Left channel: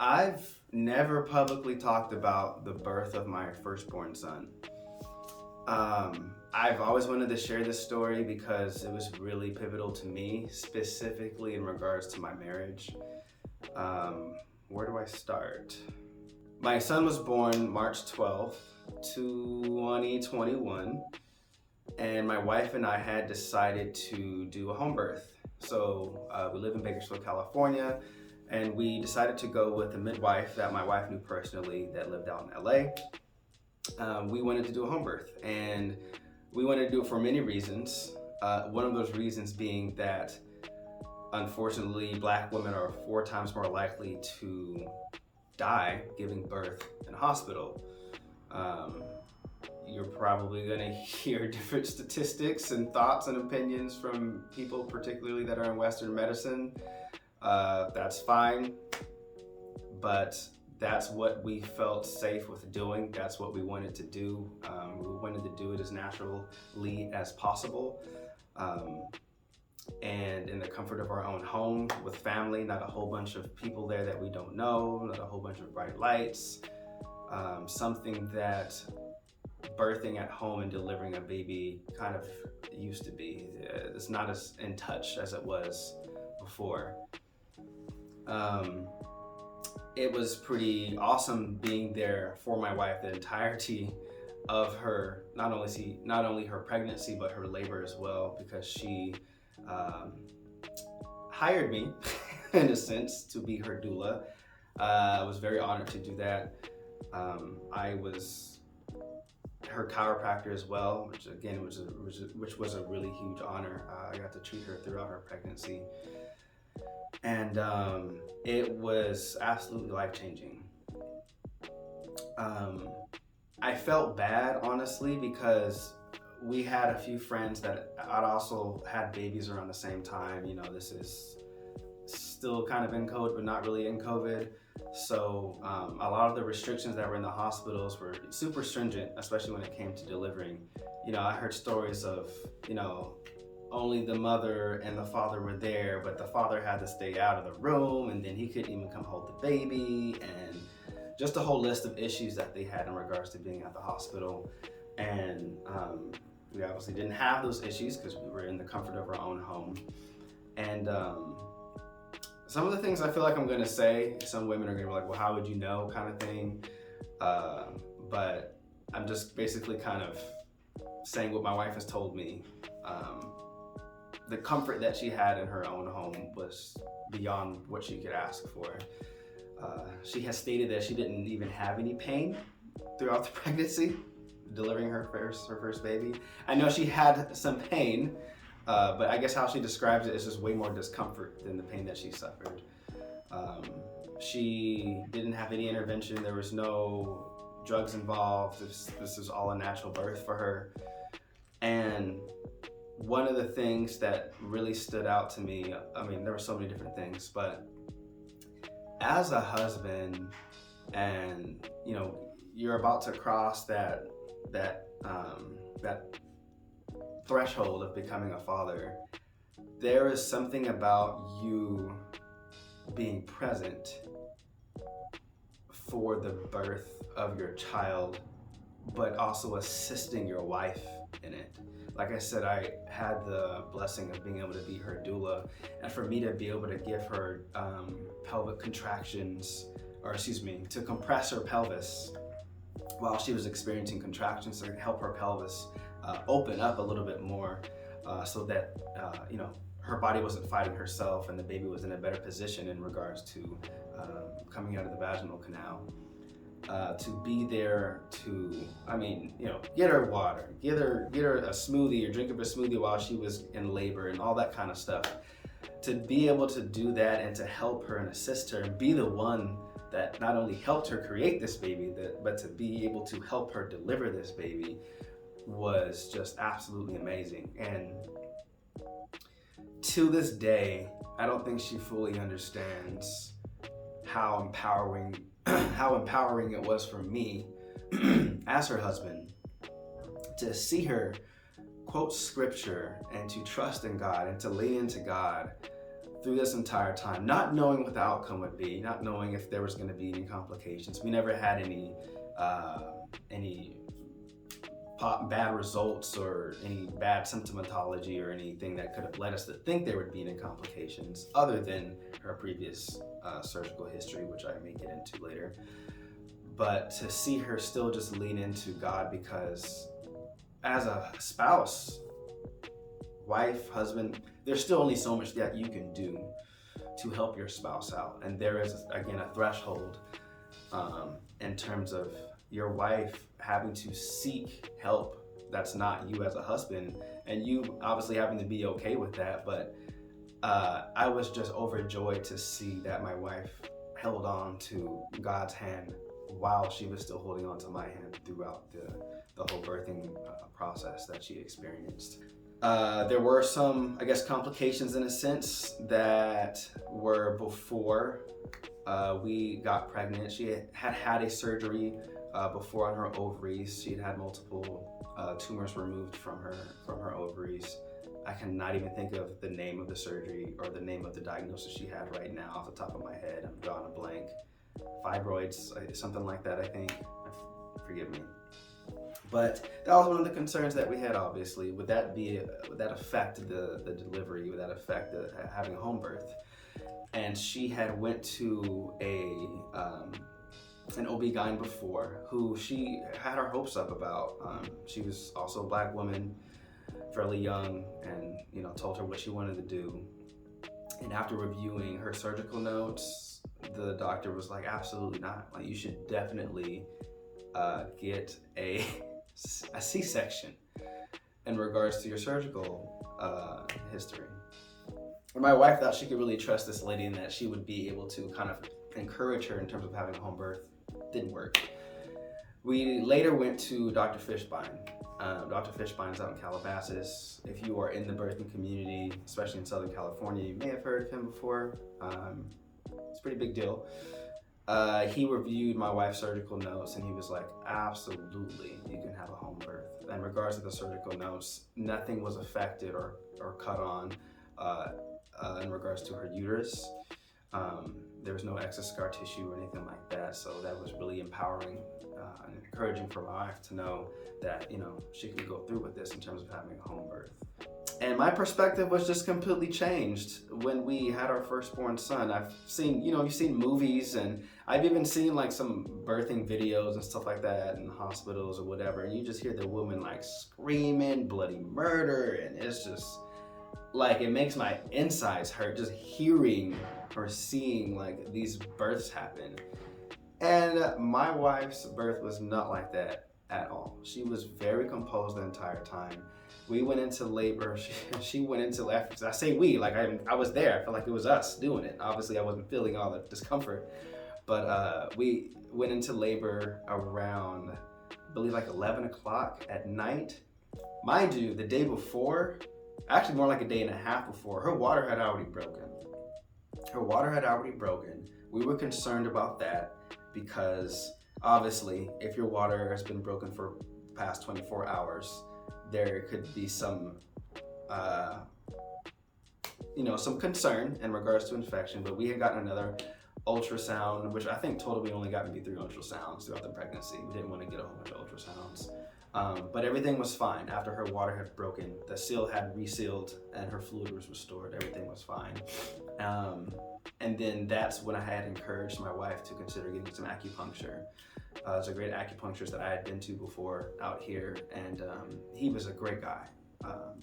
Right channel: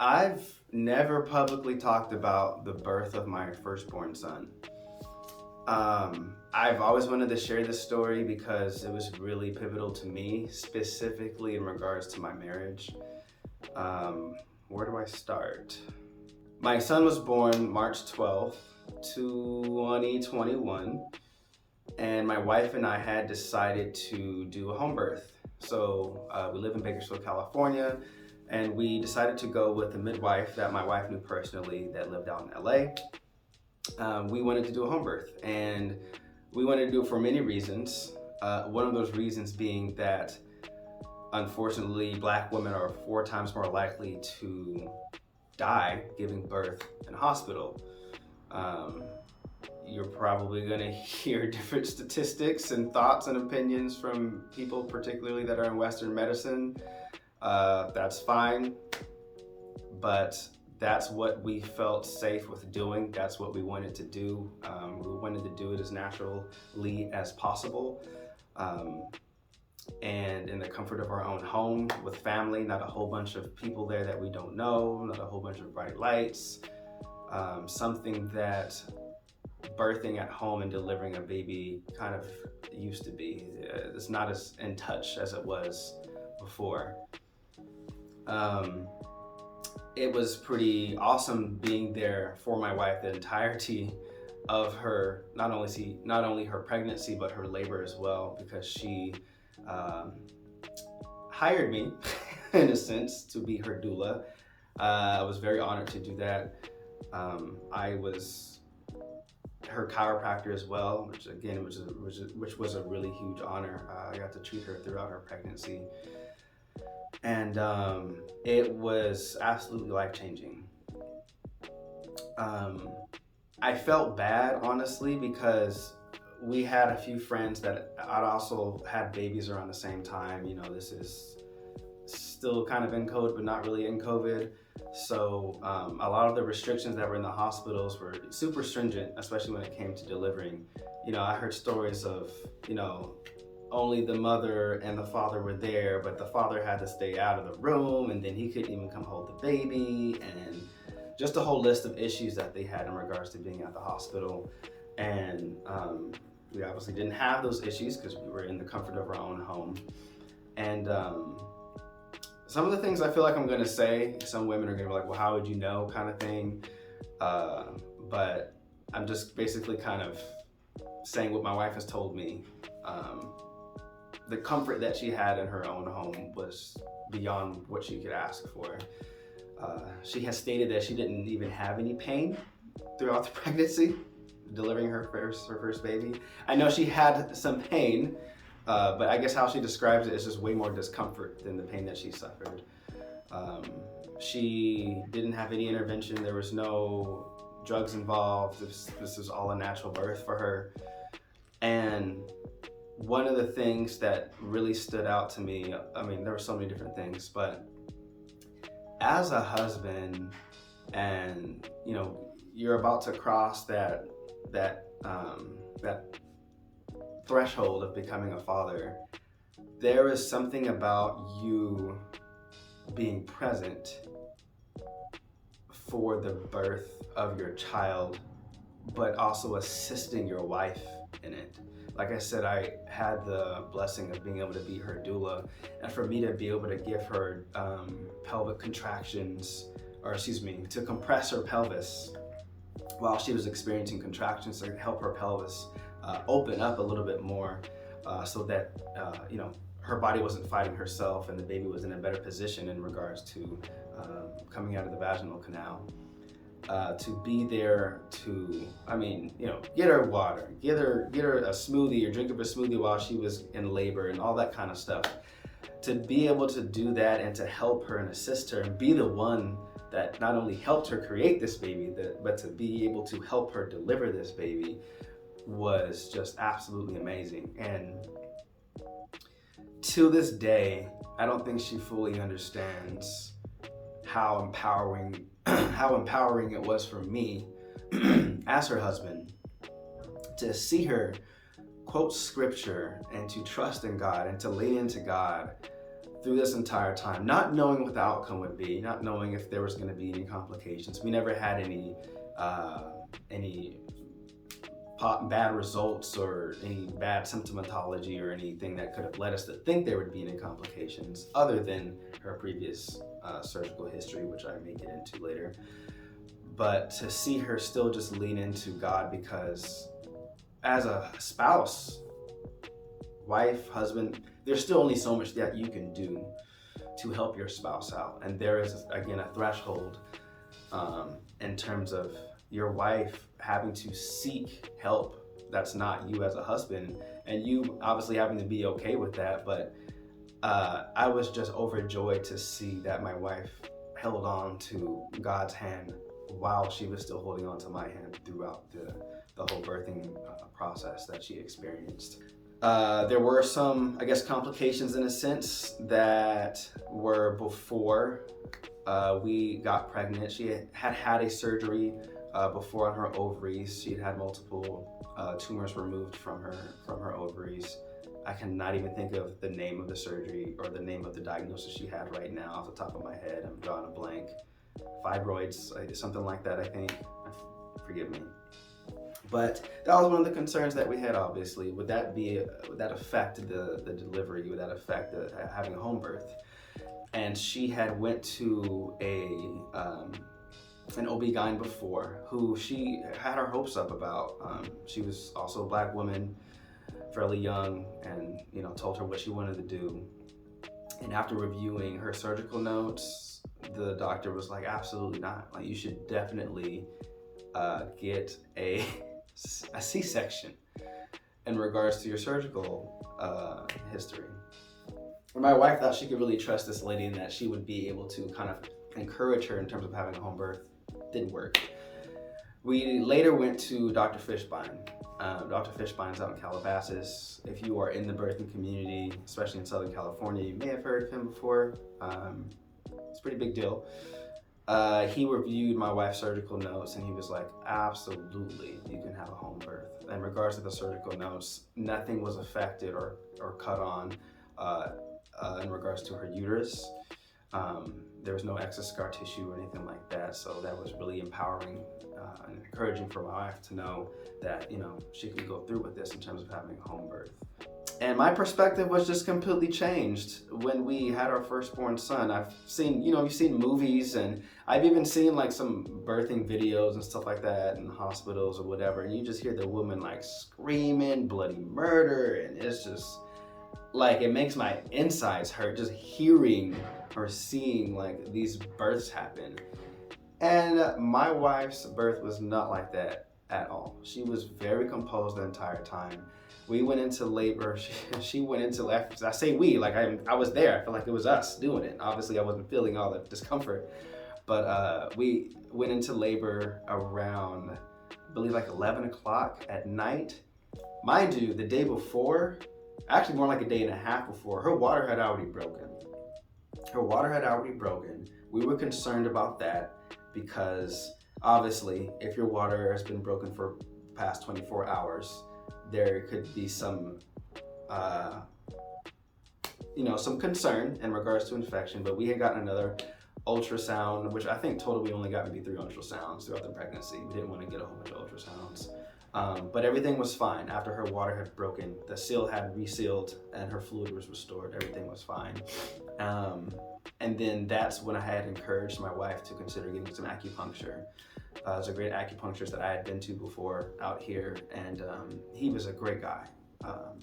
I've never publicly talked about the birth of my firstborn son. I've always wanted to share this story because it was really pivotal to me, specifically in regards to my marriage. Where do I start? My son was born March 12th, 2021, and my wife and I had decided to do a home birth. So we live in Bakersfield, California, and we decided to go with a midwife that my wife knew personally that lived out in LA. We wanted to do a home birth, and we wanted to do it for many reasons. One of those reasons being that unfortunately, Black women are 4 times more likely to die giving birth in a hospital. Um, you're probably going to hear different statistics and thoughts and opinions from people, particularly that are in Western medicine. That's fine, but that's what we felt safe with doing. That's what we wanted to do. We wanted to do it as naturally as possible. And in the comfort of our own home with family, not a whole bunch of people there that we don't know, not a whole bunch of bright lights. Something that birthing at home and delivering a baby kind of used to be. It's not as in touch as it was before. It was pretty awesome being there for my wife the entirety of her, not only her pregnancy but her labor as well, because she hired me in a sense to be her doula. I was very honored to do that. I was her chiropractor as well, which again which was a really huge honor. I got to treat her throughout her pregnancy, and it was absolutely life-changing. I felt bad, honestly, because we had a few friends that I'd also had babies around the same time. You know, this is still kind of in COVID, but not really in COVID. So a lot of the restrictions that were in the hospitals were super stringent, especially when it came to delivering. You know, I heard stories of, only the mother and the father were there, but the father had to stay out of the room, and then he couldn't even come hold the baby, and just a whole list of issues that they had in regards to being at the hospital. And we obviously didn't have those issues because we were in the comfort of our own home. And some of the things I feel like I'm gonna say, some women are gonna be like, well, how would you know, kind of thing. But I'm just basically kind of saying what my wife has told me. The comfort that she had in her own home was beyond what she could ask for. She has stated that she didn't even have any pain throughout the pregnancy, delivering her first baby. I know she had some pain, but I guess how she describes it is just way more discomfort than the pain that she suffered. She didn't have any intervention. There was no drugs involved. This was all a natural birth for her. And one of the things that really stood out to me, I mean, there were so many different things, but as a husband, and you're about to cross that threshold of becoming a father, there is something about you being present for the birth of your child, but also assisting your wife in it. Like I said, I had the blessing of being able to be her doula, and for me to be able to give her pelvic contractions, to compress her pelvis while she was experiencing contractions, to help her pelvis open up a little bit more, so that her body wasn't fighting herself, and the baby was in a better position in regards to coming out of the vaginal canal. To be there to, get her water, get her a smoothie or drink up a smoothie while she was in labor and all that kind of stuff. To be able to do that and to help her and assist her and be the one that not only helped her create this baby, but to be able to help her deliver this baby was just absolutely amazing. And to this day, I don't think she fully understands how empowering it was for me as her husband to see her quote scripture and to trust in God and to lean into God through this entire time, not knowing what the outcome would be, not knowing if there was going to be any complications. We never had any bad results or any bad symptomatology or anything that could have led us to think there would be any complications other than her previous surgical history, which I may get into later. But to see her still just lean into God, because as a spouse, wife, husband, there's still only so much that you can do to help your spouse out. And there is, again, a threshold in terms of your wife having to seek help that's not you as a husband, and you obviously having to be okay with that. But I was just overjoyed to see that my wife held on to God's hand while she was still holding on to my hand throughout the whole birthing process that she experienced. There were some, I guess, complications in a sense that were before we got pregnant. She had a surgery before on her ovaries. She'd had multiple tumors removed from her ovaries. I cannot even think of the name of the surgery or the name of the diagnosis she had right now off the top of my head. I'm drawing a blank. Fibroids, something like that, I think. Forgive me. But that was one of the concerns that we had, obviously. Would that affect the delivery? Would that affect having a home birth? And she had went to an OB-GYN before, who she had her hopes up about. She was also a Black woman, fairly young, and told her what she wanted to do. And after reviewing her surgical notes, the doctor was like, absolutely not. Like, you should definitely get a C-section in regards to your surgical history. And my wife thought she could really trust this lady and that she would be able to kind of encourage her in terms of having a home birth. Didn't work. We later went to Dr. Fishbein. Dr. Fishbein's out in Calabasas. If you are in the birthing community, especially in Southern California, you may have heard of him before. It's a pretty big deal. He reviewed my wife's surgical notes and he was like, absolutely, you can have a home birth. In regards to the surgical notes, nothing was affected or cut on in regards to her uterus. There was no excess scar tissue or anything like that. So that was really empowering and encouraging for my wife to know that, she can go through with this in terms of having a home birth. And my perspective was just completely changed when we had our firstborn son. I've seen, you've seen movies, and I've even seen like some birthing videos and stuff like that in hospitals or whatever. And you just hear the woman like screaming bloody murder. And it's just like, it makes my insides hurt just hearing or seeing like these births happen. And my wife's birth was not like that at all. She was very composed the entire time. We went into labor. She went into, I say we, like I was there. I felt like it was us doing it. Obviously, I wasn't feeling all the discomfort. But we went into labor around, I believe, like 11 o'clock at night. Mind you, the day before, actually more like a day and a half before, her water had already broken. We were concerned about that because obviously, if your water has been broken for past 24 hours, there could be some concern in regards to infection. But we had gotten another ultrasound, which I think total we only got maybe 3 ultrasounds throughout the pregnancy. We didn't want to get a whole bunch of ultrasounds. But everything was fine. After her water had broken, the seal had resealed and her fluid was restored. Everything was fine. And then that's when I had encouraged my wife to consider getting some acupuncture. There's a great acupuncturist that I had been to before out here, and he was a great guy,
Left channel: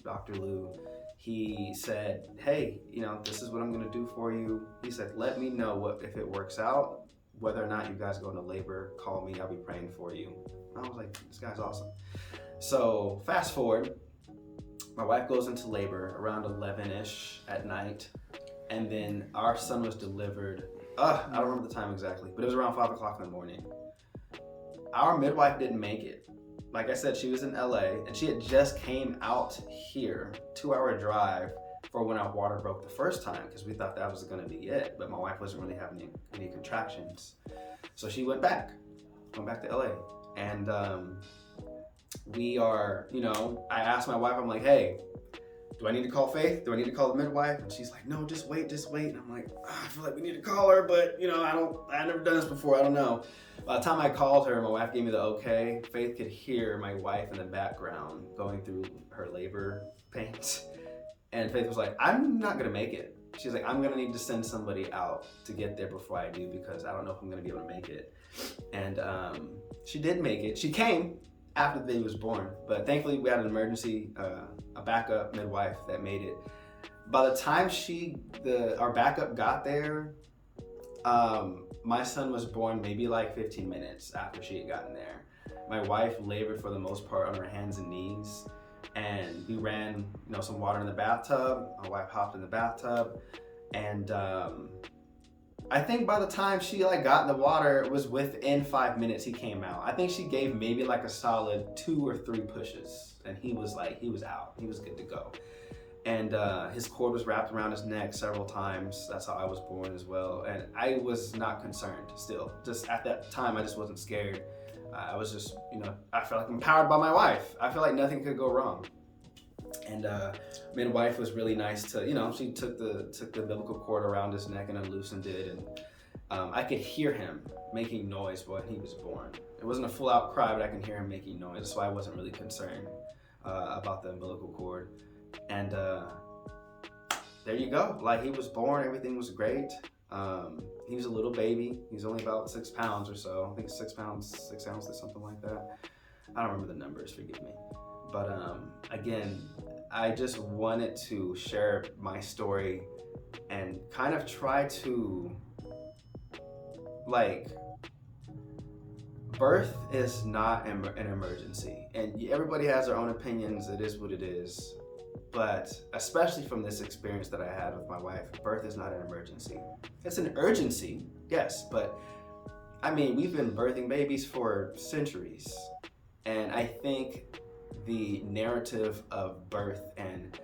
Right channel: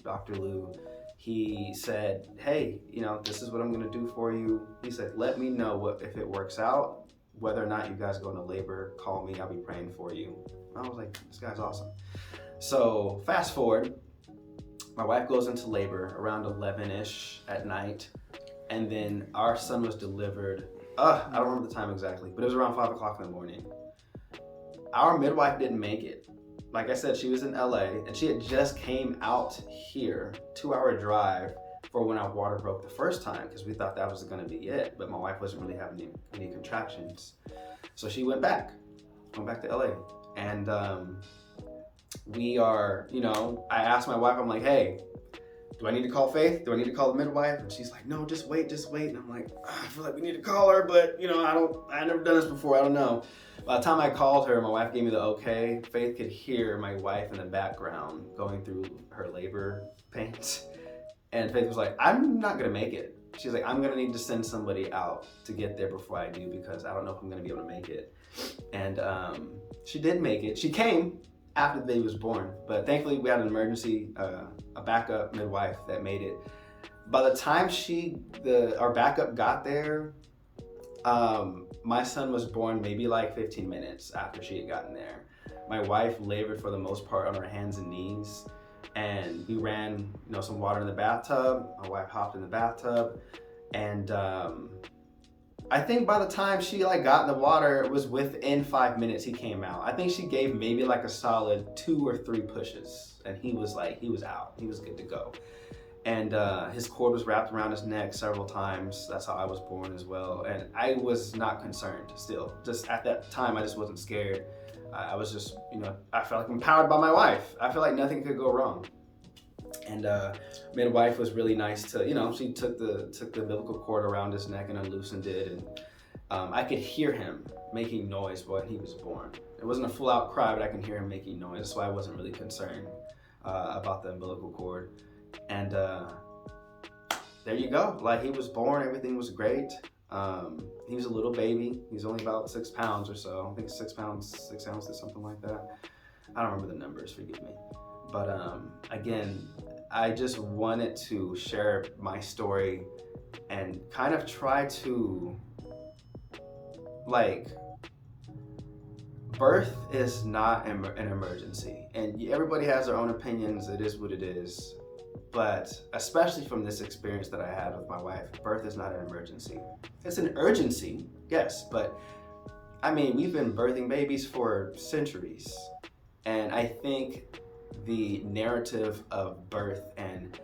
Dr. Lou. He said, hey, this is what I'm gonna do for you. He said, let me know if it works out, whether or not you guys go into labor, call me, I'll be praying for you. I was like, this guy's awesome. So fast forward, my wife goes into labor around 11-ish at night, and then our son was delivered, I don't remember the time exactly, but it was around 5 o'clock in the morning. Our midwife didn't make it. Like I said, she was in LA, and she had just came out here, 2-hour drive for when our water broke the first time, because we thought that was gonna be it, but my wife wasn't really having any contractions. So she went back to LA. And I asked my wife, I'm like, hey, do I need to call Faith? Do I need to call the midwife? And she's like, no, just wait. And I'm like, I feel like we need to call her, but I've never done this before. I don't know. By the time I called her, my wife gave me the okay. Faith could hear my wife in the background going through her labor pains. And Faith was like, I'm not gonna make it. She's like, I'm gonna need to send somebody out to get there before I do, because I don't know if I'm gonna be able to make it. And she did make it. She came after the baby was born, but thankfully we had an emergency, a backup midwife that made it. By the time our backup got there, my son was born maybe like 15 minutes after she had gotten there. My wife labored for the most part on her hands and knees, and we ran some water in the bathtub. My wife hopped in the bathtub, and I think by the time she got in the water, it was within 5 minutes he came out. I think she gave maybe a solid 2 or 3 pushes, and he was out. He was good to go. And his cord was wrapped around his neck several times. That's how I was born as well. And I was not concerned still. Just at that time, I just wasn't scared. I was just, I felt like empowered by my wife. I felt like nothing could go wrong. And midwife was really nice to, she took the umbilical cord around his neck and unloosened it. And I could hear him making noise when he was born. It wasn't a full out cry, but I can hear him making noise. So I wasn't really concerned about the umbilical cord. And there you go. He was born, everything was great. He was a little baby. He's only about 6 pounds or so. I think 6 pounds, 6 ounces, something like that. I don't remember the numbers, forgive me. But again, I just wanted to share my story and kind of try to, birth is not an emergency. And everybody has their own opinions. It is what it is. But especially from this experience that I had with my wife, birth is not an emergency. It's an urgency, yes, but we've been birthing babies for centuries. And I think the narrative of birth and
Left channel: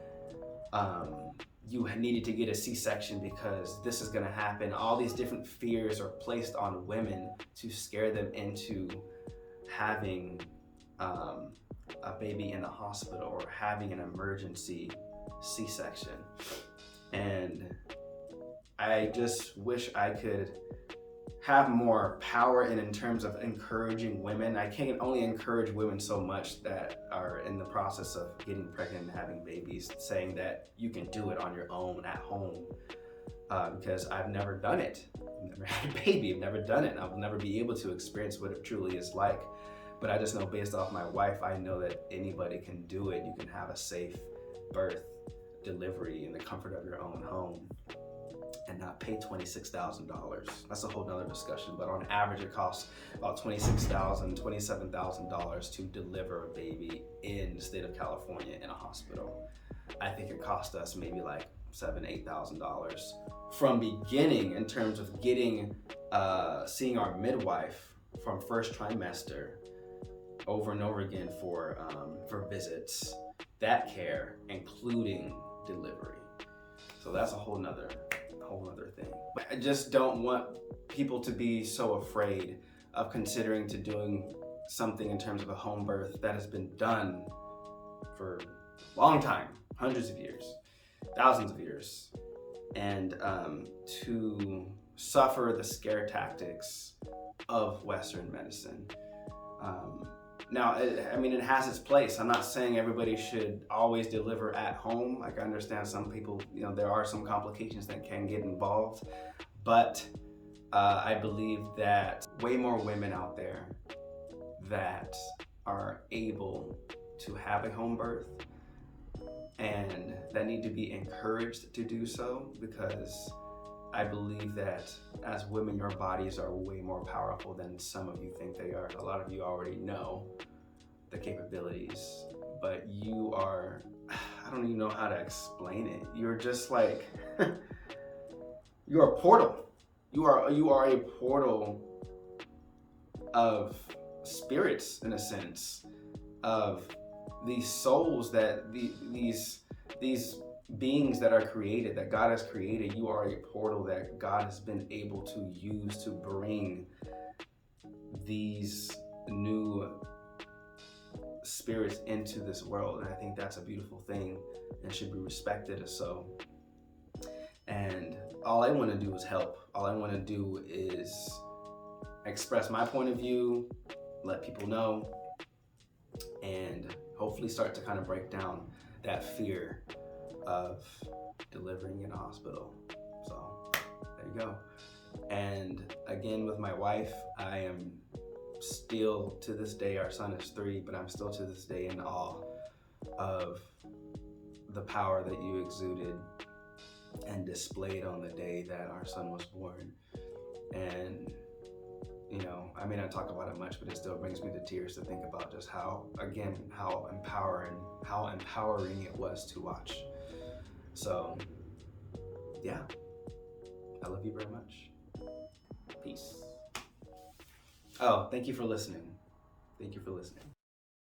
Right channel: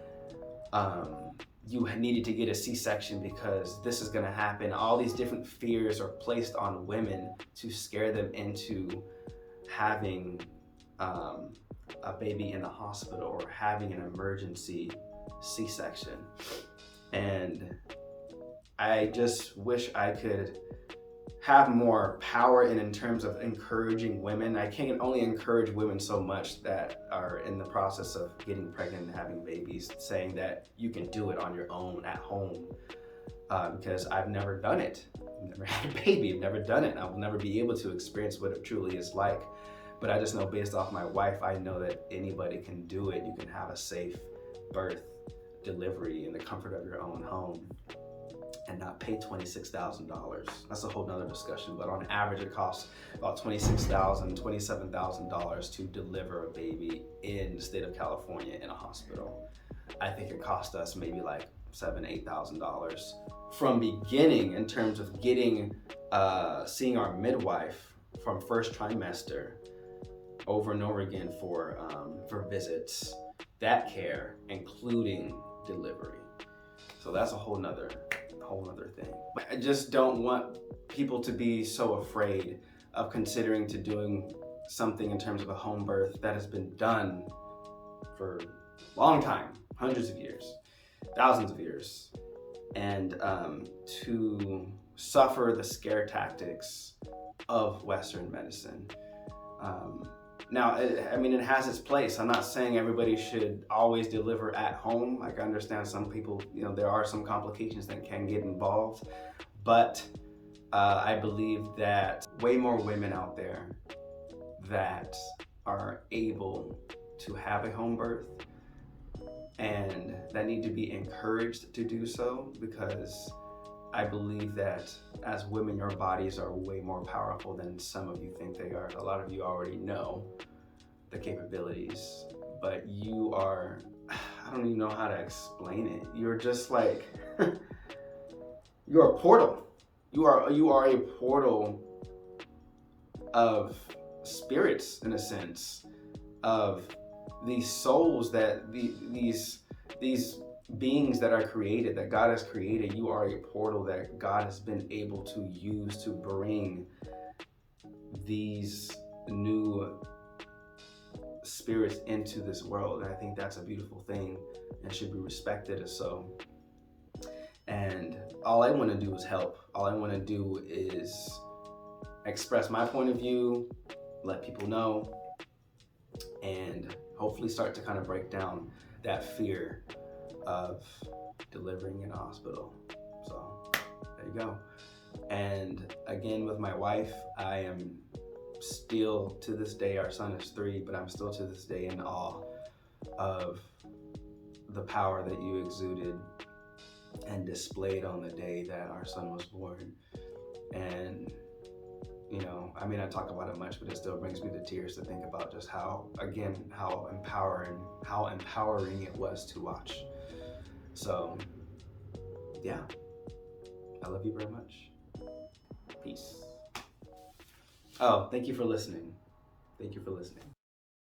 you needed to get a C-section because this is gonna happen, all these different fears are placed on women to scare them into having a baby in the hospital or having an emergency C-section. And I just wish I could have more power in terms of encouraging women. I can only encourage women so much that are in the process of getting pregnant and having babies, saying that you can do it on your own at home, because I've never done it. I've never had a baby, I've never done it, and I'll never be able to experience what it truly is like. But I just know based off my wife, I know that anybody can do it. You can have a safe birth, delivery in the comfort of your own home and not pay $26,000. That's a whole nother discussion, but on average it costs about $26,000, $27,000 to deliver a baby in the state of California in a hospital. I think it cost us maybe $7,000, $8,000 from beginning in terms of getting, seeing our midwife from first trimester over and over again for visits, that care, including delivery. So that's a whole nother thing. But I just don't want people to be so afraid of considering to doing something in terms of a home birth that has been done for a long time, hundreds of years, thousands of years, and to suffer the scare tactics of Western medicine. Now, it has its place. I'm not saying everybody should always deliver at home. I understand some people, there are some complications that can get involved, but I believe that way more women out there that are able to have a home birth and that need to be encouraged to do so, because I believe that as women, your bodies are way more powerful than some of you think they are. A lot of you already know the capabilities, but you are, I don't even know how to explain it. You're just you're a portal. You are a portal of spirits, in a sense, of these souls that these beings that are created, that God has created. You are a portal that God has been able to use to bring these new spirits into this world. And I think that's a beautiful thing and should be respected as so. And all I want to do is help. All I want to do is express my point of view, let people know, and hopefully start to kind of break down that fear of delivering in a hospital. So there you go. And again, with my wife, I am still to this day, our son is 3, but I'm still to this day in awe of the power that you exuded and displayed on the day that our son was born. And you know, I may not talk about it much, but it still brings me to tears to think about just how empowering it was to watch. So yeah, I love you very much. Peace. Oh, thank you for listening. Thank you for listening.